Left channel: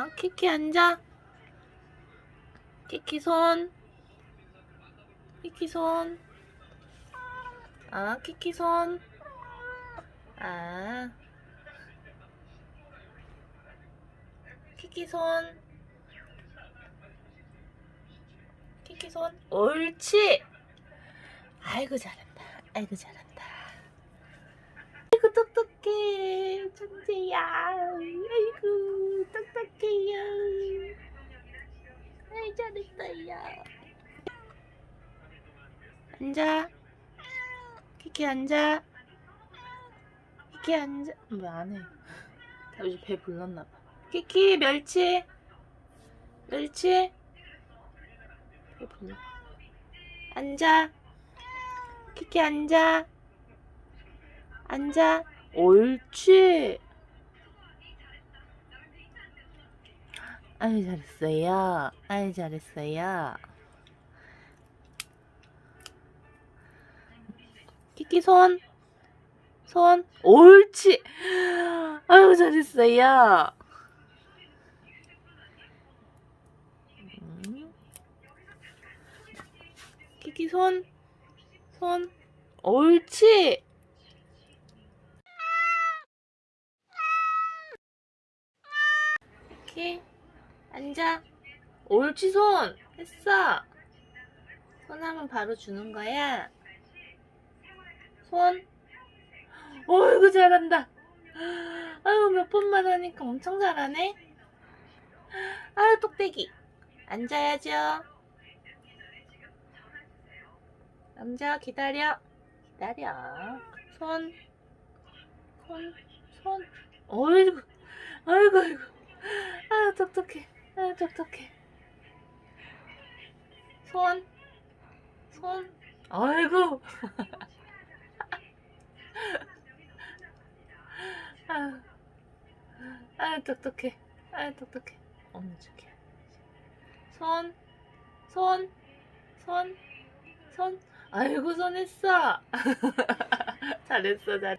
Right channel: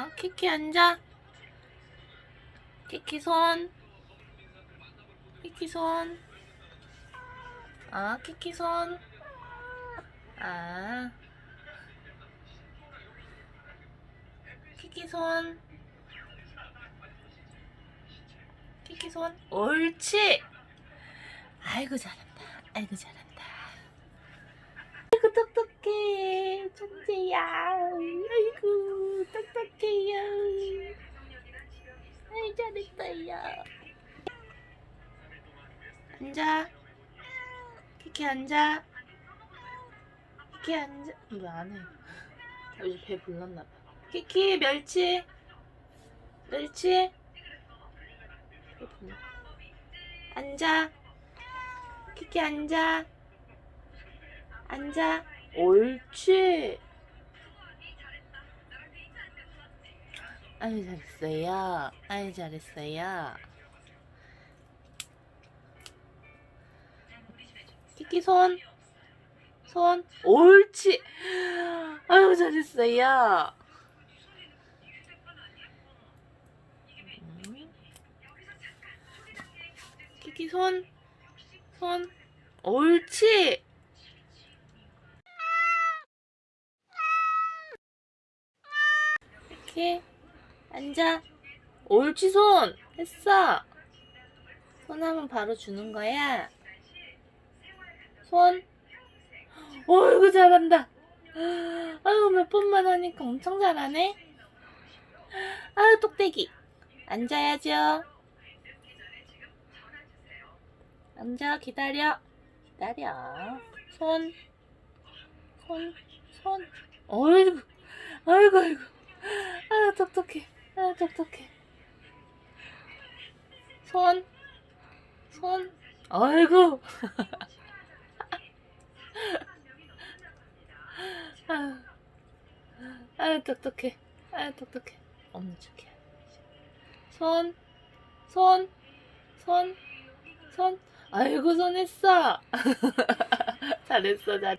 아, 키키 앉아. 키키 손. 키키 손. 아, 키키 손. 아. 키키 손. 키키 손. 옳지. 아이고 잘한다. 아이고 잘한다. 아이고 똑똑해. 천재야. 아이고 똑똑해요. 아이 잘했어요. 앉아. 키키 앉아. 키키 앉아. 왜 안 해? 요즘 배 불렀나 봐. 키키 멸치. 멸치. 배 불러. 앉아. 키키 앉아. 앉아. 옳지. 아유 잘했어요. 아유 잘했어요. 키키 손. 손. 옳지. 아유 잘했어요. 음. 키키 손. 손. 옳지. 이렇게 앉아. 옳지 손. 했어. 손 하면 바로 주는 거야. 손. 어이구 잘한다. 아유 몇 번만 하니까 엄청 잘하네. 아유 똑대기. 앉아야죠. 앉아 기다려. 기다려. 손. 손. 손. 어이구. 아이고 아이고. 아 똑똑해. 아 똑똑해. 손. 손. 아이고. 아, 아 똑똑해. 아 똑똑해. 없는 척해. 손. 손. 손. 손. 아이고 손 했어. 잘했어 잘.